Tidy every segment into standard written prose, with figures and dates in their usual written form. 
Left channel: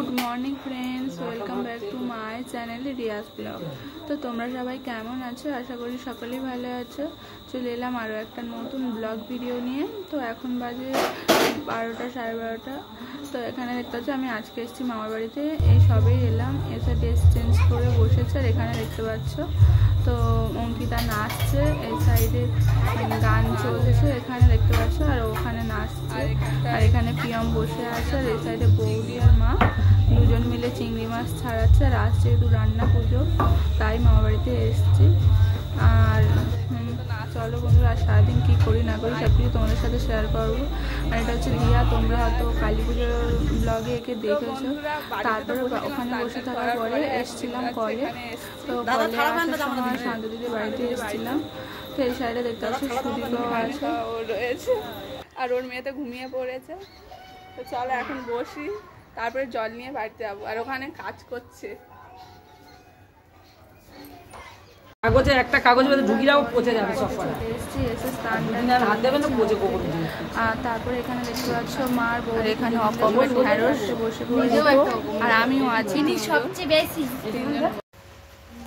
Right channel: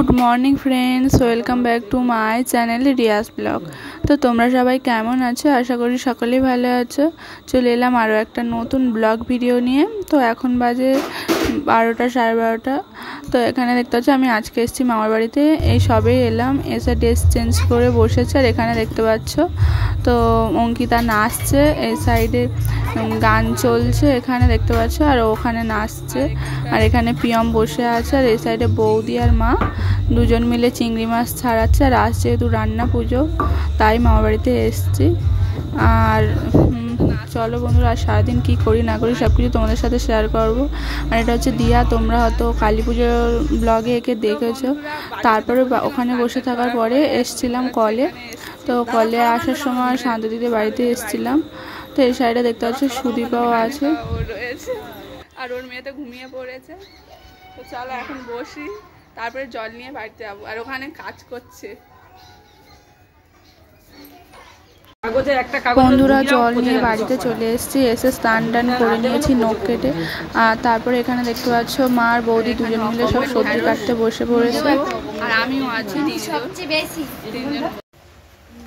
Good morning friends, welcome back to my channel Riaz vlog. তো তোমরা সবাই কেমন আছো? আশা করি সকলেই ভালো আছো। চলে এলাম আরও একটা নতুন ব্লগ ভিডিও নিয়ে। তো এখন বাজে 12টা, সাড়ে 12টা। তো এখানে দেখতে পাচ্ছ আমি আজকে এসেছি মামার বাড়িতে। এই সবেই এলাম, এসে ড্রেস চেঞ্জ করে বসেছে। আর এখানে দেখতে পাচ্ছ তো অঙ্কিতা নাচছে, এই সাইডে গান চলছে এখানে দেখতে পাচ্ছ, আর ওখানে নাচছে। আর এখানে পিয়ম বসে আছে, আর এই সাইডে বৌদি আর মা দুজন মিলে চিংড়ি মাছ ছাড়াচ্ছে। আর আজ যেহেতু রান্না পুজো, তাই মামার বাড়িতে এসেছি। আর চলো বন্ধুরা, আর সারাদিন কী করি না করি সব কিছু তোমাদের সাথে শেয়ার করবো। আর এটা হচ্ছে দিয়া, তোমরা হয়তো কালী পুজোর ব্লগে একে দেখেছো। তারপরে ওখানে বসে থাকার পরে এসছিলাম কলে। তো কলে আসার সময় শান্ত দিদির বাড়িতে এসছিলাম। তো এই সাইডে দেখতে পাচ্ছি সুদীপাও আছে, আর ওর মেয়ে তো ঘুমিয়ে পড়েছে। তো চলো এখন বসি, তারপরে জল নিয়ে বাড়িতে যাবো। আর ওখানে কাজ করছে বন্ধুরা। জল নিয়ে বাড়িতে চলে এসেছি, এসে স্নান টান করে নিয়েছি নখ কেটে। আর তারপরে এখানে দেখতে পাচ্ছ মা আর বৌদি এখানে মিলে সব সবজি কাটতে বসে পড়েছে, আর আমিও আছি।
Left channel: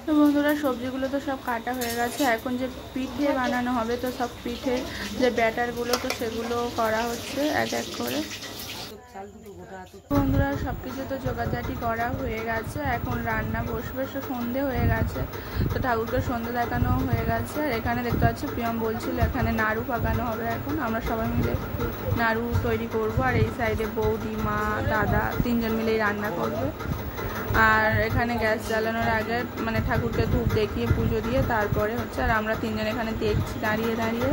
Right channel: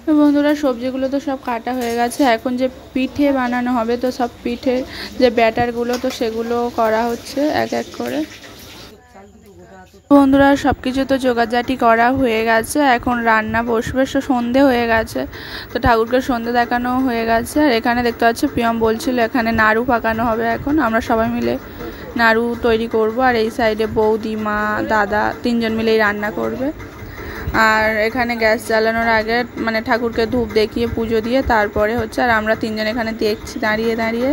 তো বন্ধুরা, সবজিগুলো তো সব কাটা হয়ে গেছে। এখন যে পিঠে বানানো হবে, তো সব পিঠে যে ব্যাটারগুলো, তো সেগুলো করা হচ্ছে এক এক করে। বন্ধুরা, সব কিছু তো জোগাড়জাটি করা হয়ে গেছে, এখন রান্না বসবে। সন্ধে হয়ে গেছে, তো ঠাকুরকে সন্ধে দেখানো হয়ে গেছে। আর এখানে দেখতে পাচ্ছি পিয়ম বলছিল এখানে নাড়ু পাকানো হবে। এখন আমরা সবাই মিলে নাড়ু তৈরি করব। আর এই সাইডে বৌদি, মা, দাদা তিনজন মিলেই রান্না করবে। আর এখানে গ্যাস জ্বালানোর আগে মানে ঠাকুরকে ধূপ দেখিয়ে পুজো দিয়ে তারপরে হচ্ছে। আর আমরা তিনজন এখানে দেখছি দাঁড়িয়ে দাঁড়িয়ে।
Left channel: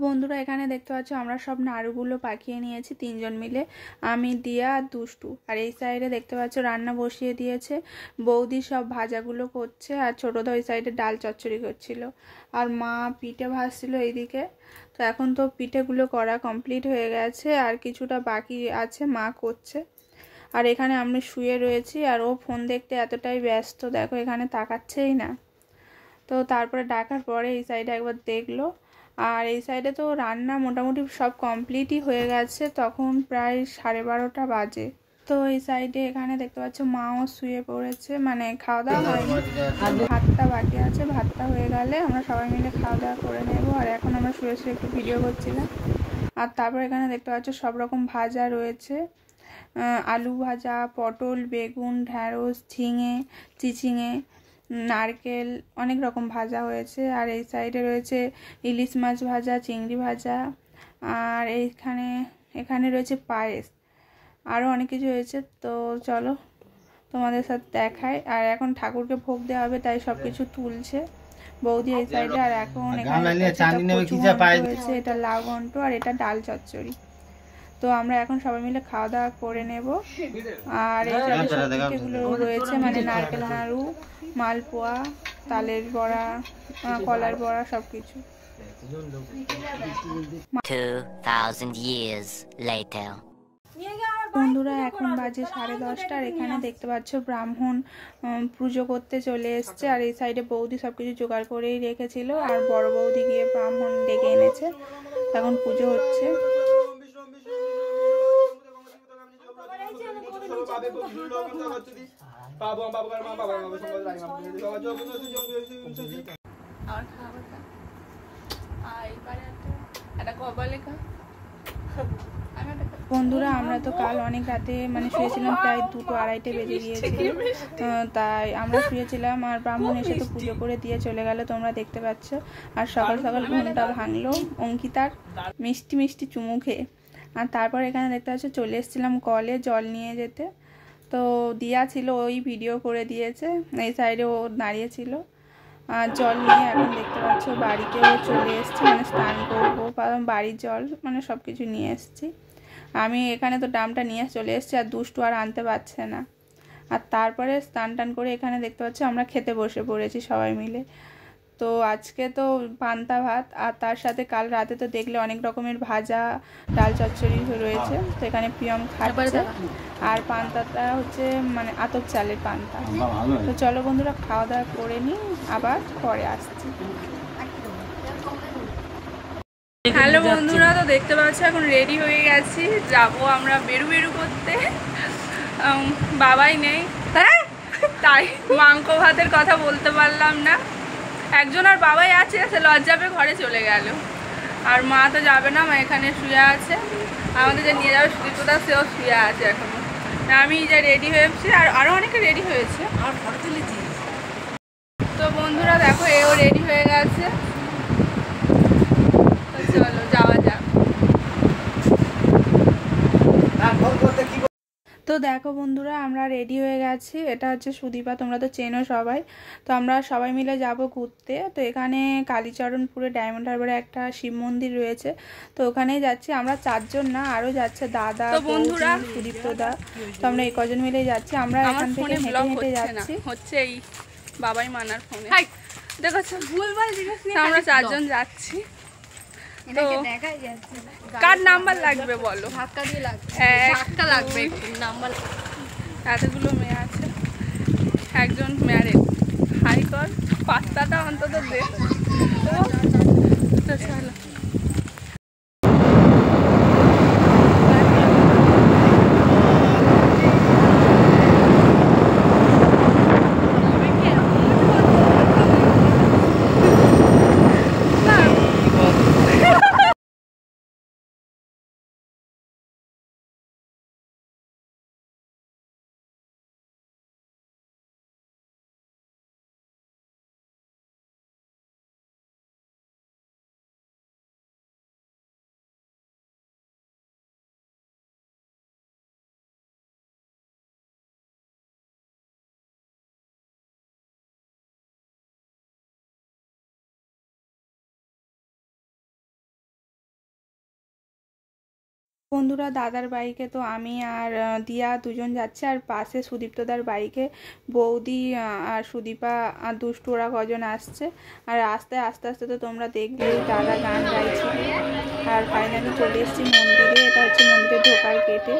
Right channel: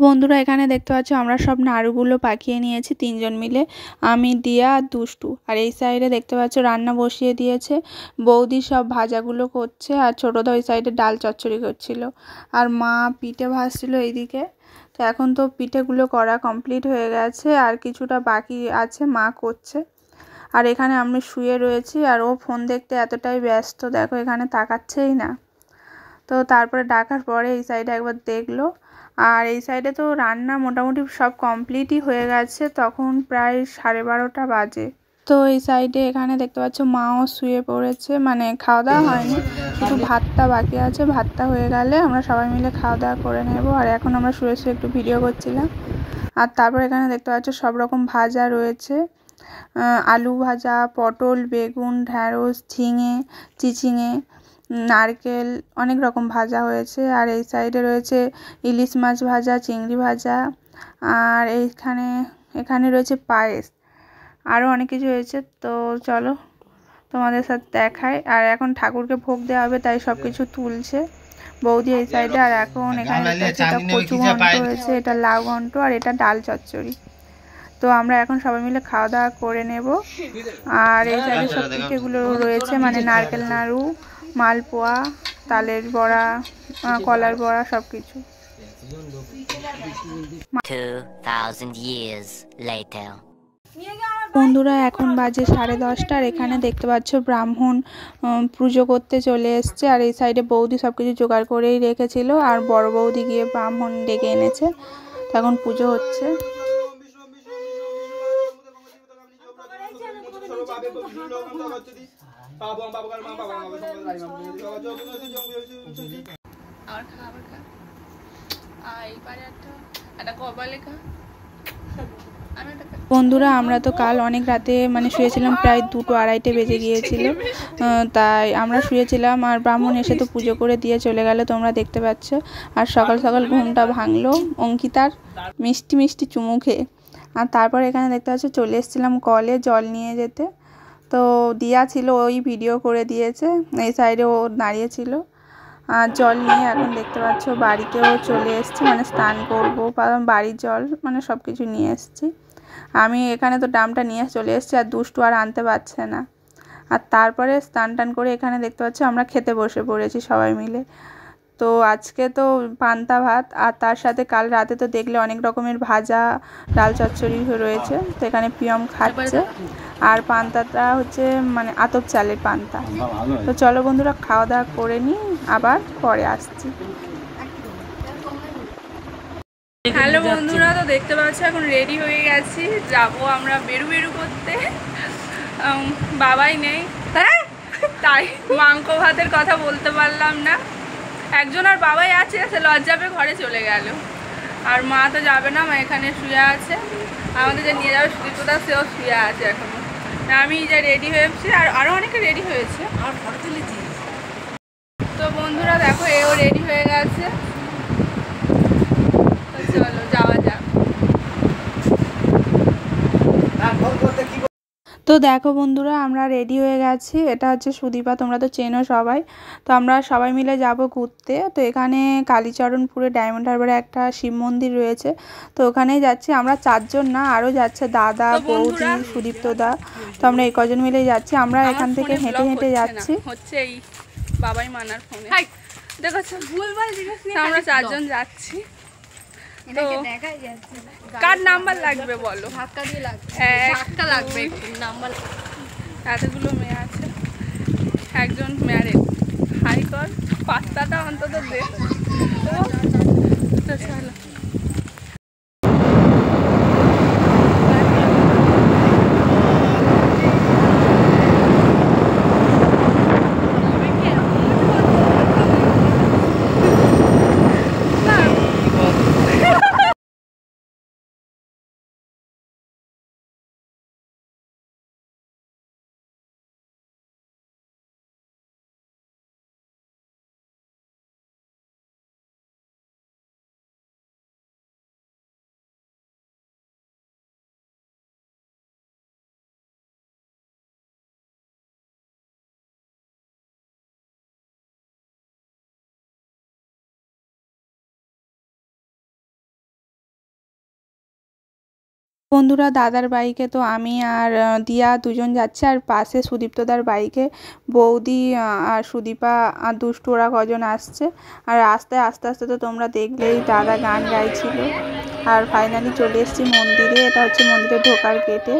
বন্ধুরা, এখানে দেখতে পাচ্ছ আমরা সব নাড়ুগুলো পাকিয়ে নিয়েছি তিনজন মিলে, আমি, দিয়া আর দুষ্টু। আর এই সাইডে দেখতে পাচ্ছ রান্না বসিয়ে দিয়েছে, বৌদি সব ভাজাগুলো করছে। আর ছোটোদা ওই সাইডে ডাল চচ্চড়ি করছিল, আর মা পিঠে ভাজছিল এইদিকে। তো এখন তো পিঠেগুলো করা কমপ্লিট হয়ে গেছে, আর কিছুটা বাকি আছে, মা করছে। আর এখানে আমি শুয়ে রয়েছি, আর ও ফোন দেখতে এতটাই ব্যস্ত, দেখো এখানে তাকাচ্ছেই না। তো তারপরে ডাকার পরে এই সাইডে একবার দেখলো। আর এই সাইডে তো রান্না মোটামুটি সব কমপ্লিটই হয়ে গেছে, তখন প্রায় 12:30 বাজে। তো এই সাইডে এখানে দেখতে পাচ্ছ মাও শুয়ে পড়েছে, মানে খাওয়া দাওয়া হয়নি, একটু ভাতটা বাকি আছে। ভাতটা হয়ে গেলে আমরা সবাই মিলে খাওয়া দাওয়া করে নেব। আর এখন আমরা শুয়ে শুয়ে একটু ভিডিও করছিলাম। আর তারপর এখানে দেখতে পাচ্ছ সব রকম ভাজা রয়েছে, আলু ভাজা, পটল, বেগুন, ঢ্যাঁড়স, ঝিঙে, চিচিঙে, নারকেল, অনেক রকম ভাজা হয়েছে। আর এই সাইডে রয়েছে ইলিশ মাছ ভাজা, চিংড়ি ভাজা, আর এখানে রয়েছে পায়েস, আরও অনেক কিছু হয়েছে। তো চলো তোমাদের সাথে দেখায়। আর এখন ঠাকুরকে ভোগ দেওয়া হবে, তাই সব কিছু তুলছে বৌদি এই সাইডে। আর এখন এখানে কচু ঘন্ট হয়েছে, এটা লাউ ঘন্ট, আর এটা ডাল চচ্চড়ি। তো আমরা এখন সবাই মিলে খাওয়া দাওয়া করে নেব। আর এই সাইডে সব পিঠেগুলো রয়েছে, মানে নারকেল নাড়ু, মালপোয়া, তালের বড়া, কলার বড়া, সব কিছু। 2000 years later. বন্ধুরা, এখন বাজে 10:30। আর এখানে দেখতে পাচ্ছ ব্রাহ্মণ পুজো করতে চলে এসছে। আর এই সাইডে বৌদি সব কিছু জোগাড় করেই রেখেছিল, আর বড় বৌদি গিয়ে ব্রাহ্মণ ডেকে এনেছে। এখন পুজো হচ্ছে। বন্ধুরা, আমরা তো কাল অনেক রাতে মানে শুয়েছিলাম, প্রায় 2-2:30 বেজে গিয়েছিল। তাই আমরা শুয়েছিলাম, আর ব্রাহ্মণ এসে তো পুজো করে দিয়ে চলে গেল, তোমরা দেখতে পাচ্ছ। আর সকাল সকাল ঘুমটা ভাঙলো অঙ্কিতার মিষ্টি মিষ্টি চুমু খেয়ে। আর তারপর এখানে দেখতে পাচ্ছ চলে এসেছিলাম কলে জল নিয়ে যেতে। তো দিয়া ছিল, ওই ভিডিও করে দিয়েছে, এই সাইডে ও দাঁড়িয়েছিল। আর জল নিয়ে এখন দেখতে পাচ্ছ বাড়িতেও চলে এসেছি, মানে স্নান করবো, কারণ বাড়ির জল মানে সব কিছু নিয়ে এসেছি। আমি এখানে তো ড্রামটা নিয়ে চলে এসেছি, আর দুষ্টু আর আনতে পারছে না। আর তারপরে স্নান টান করে এখানে দেখতে পাচ্ছি আমরা খেতে বসে পড়েছি সবাই মিলে। তো আজকে তো পান্তা ভাত, আর তার সাথে কাল রাতে তো দেখলে অনেক রকমের ভাজা, ডাল চচ্চড়ি রয়েছে। তো এখানে পিয়ম খাচ্ছে, আর পান্তাটা হচ্ছে মানে আতপ চালের পান্তা। তো চলো বন্ধুরা খাওয়া দাওয়া করে নিই, আবার পরে আসছি। হ্যালো বন্ধুরা, তো দেখতে পাচ্ছ এখন রেডি হয়ে গেছি, যাবো আমরা বেরু করতে। বাবাই নেই তাই মাংস ভাতের কথা বলতে পারলাম না। একজন আর বাবাই আছে, সে লজ্জা পেয়ে ঘরে চলে গেল। আর মা তো যাবে না, মা এখানে শুয়ে আছে। আমাদের যে নিয়ে যাবে সুদীপ্তদা, সেও শুয়ে আছে এখনো। আমি যা রেডি হয়েছি, আর আরও অনেকে রেডি হয়েছে, আর ফটো তুলেছি। তো বন্ধুরা দেখো, এও রেডি হয়ে গেছে। চলো যাওয়া যাক। তো দেখো বন্ধুরা, আমরা রেডি হয়ে গেছি। এটা হচ্ছে সুদীপা, তোমরা তো চেনো সবাই। তো আমরা সবাই মিলে যাব ঘুরতে। তো এখানে কালীচরণপুরে ডায়মন্ড হারবারে একটা শিব মন্দির রয়েছে, তো ওখানেই যাচ্ছি। আমরা 4 জন না, আরও যাচ্ছে দাদা, বৌদি, সুদীপ্তদা। তো আমরা এই কজন মিলেই যাচ্ছি। আমরা এখান থেকে হেঁটে হেঁটে যাচ্ছি। হচ্ছে এই বাবাই মানার ফোনে দেখো, আমরা 4 জন যাচ্ছি। তো কার নাম্বার লাগবে বলো? ধাক্কা দিয়ে লাগবে নাম্বার। এতগুলো মেয়ে আছে, একজন ম্যারেড। হাই কর, পাত্তাটা অন্তত দে। তো চলো। বন্ধুরা দাদার বাইকে তো আমি আর দিয়া 2 জন যাচ্ছে, আর পাশে সুদীপ্তদার বাইকে বৌদি আর সুদীপা আর দুষ্টু, ওরা কজন আসছে। আর আস্তে আস্তে তো তোমরা দেখলেই দাদা গান গাইছিল। আর ফাইনালি চলে এসেছি মন্দিরে। এটা হচ্ছে মন্দিরে ঢোকার গেটে।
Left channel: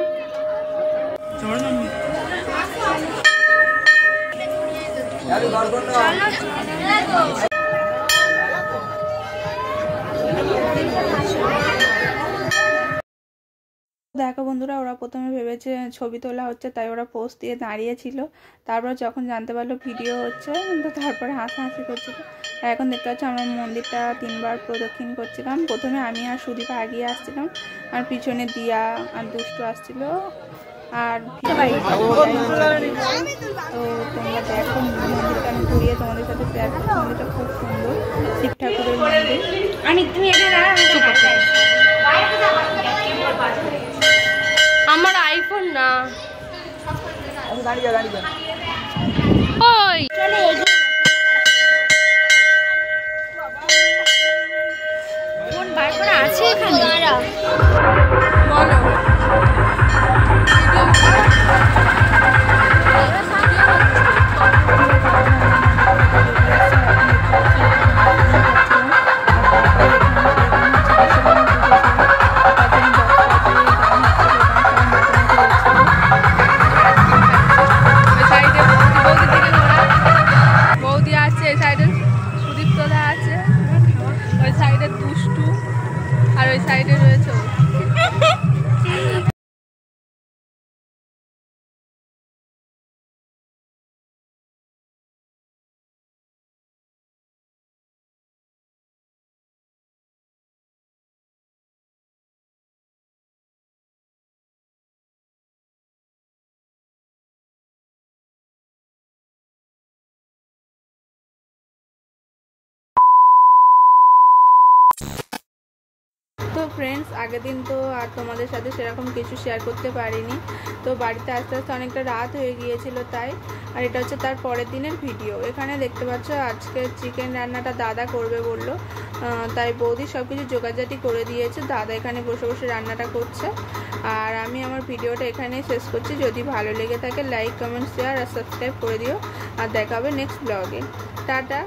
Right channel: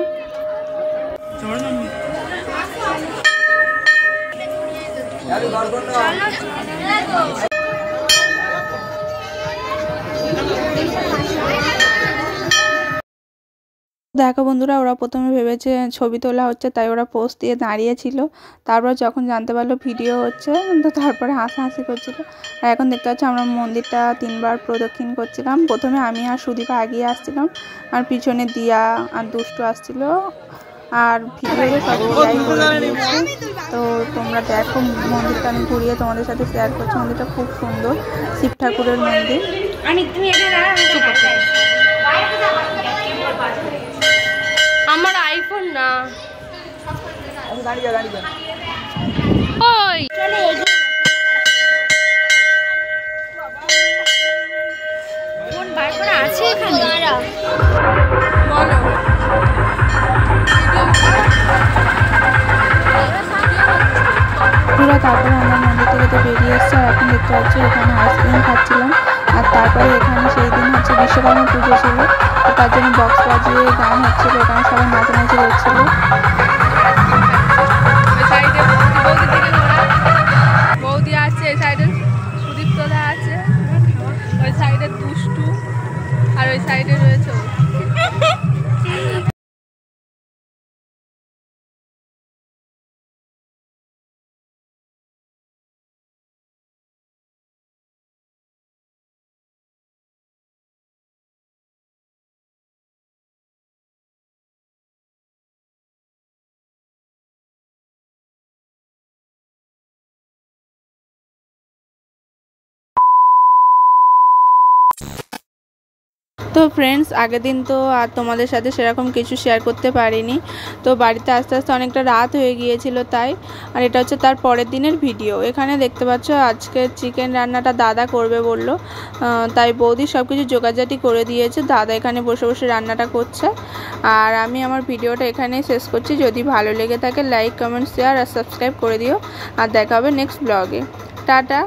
দেখো বন্ধুরা, ওরা প্রথমে ভেবেছে ছবি তোলা হচ্ছে, তাই ওরা পোজ দিয়ে দাঁড়িয়েছিল। তারপর যখন জানতে পারলো ভিডিও হচ্ছে, তো তারপরে হাসাহাসি করছিল। আর এখন দেখতে পাচ্ছি আমরা মন্দিরটা 3 বার প্রদক্ষিণ করছিলাম। প্রথমে আমি আর সুদীপা আগিয়ে আসছিলাম, আর পিছনে দিয়া আর দুষ্টু আসছিল। আর তো তোমরা দেখো, মন্দিরটা আমি ঘুরিয়ে তোমাদের সাথে শেয়ার করছি। মন্দিরটা খুব সুন্দর, শিব ঠাকুরের মন্দির। আমার আইফোন না, ওই কোন বার করে আছে এখানে বলো। বৌদি আছে, এই সাইডে সুদীপ্তদা আছে, ওই সাইডে দুষ্টু, আর ওই সাইডে রয়েছে তো ফ্রেন্ডস, আগের দিন তো আর তোমাদের সাথে সেরকম কিছু শেয়ার করতে পারিনি। তো বাড়িতে আস্তে আস্তে অনেকটা রাত হয়ে গিয়েছিল তাই। আর এটা হচ্ছে তার পরের দিনের ভিডিও। এখানে দেখতে পাচ্ছ আজকে চিকেন রান্নাটা দাদা করবে বললো, তাই বৌদি সব কিছু জোগাড়জাটি করে দিয়েছে। দাদা এখানে বসে বসে রান্নাটা করছে। আর আমি আমার ভিডিওটা এখানেই শেষ করছি। যদি ভালো লেগে থাকে লাইক কমেন্ট শেয়ার আর সাবস্ক্রাইব করে দিও। আর দেখা হবে নেক্সট ব্লগে। টাটা।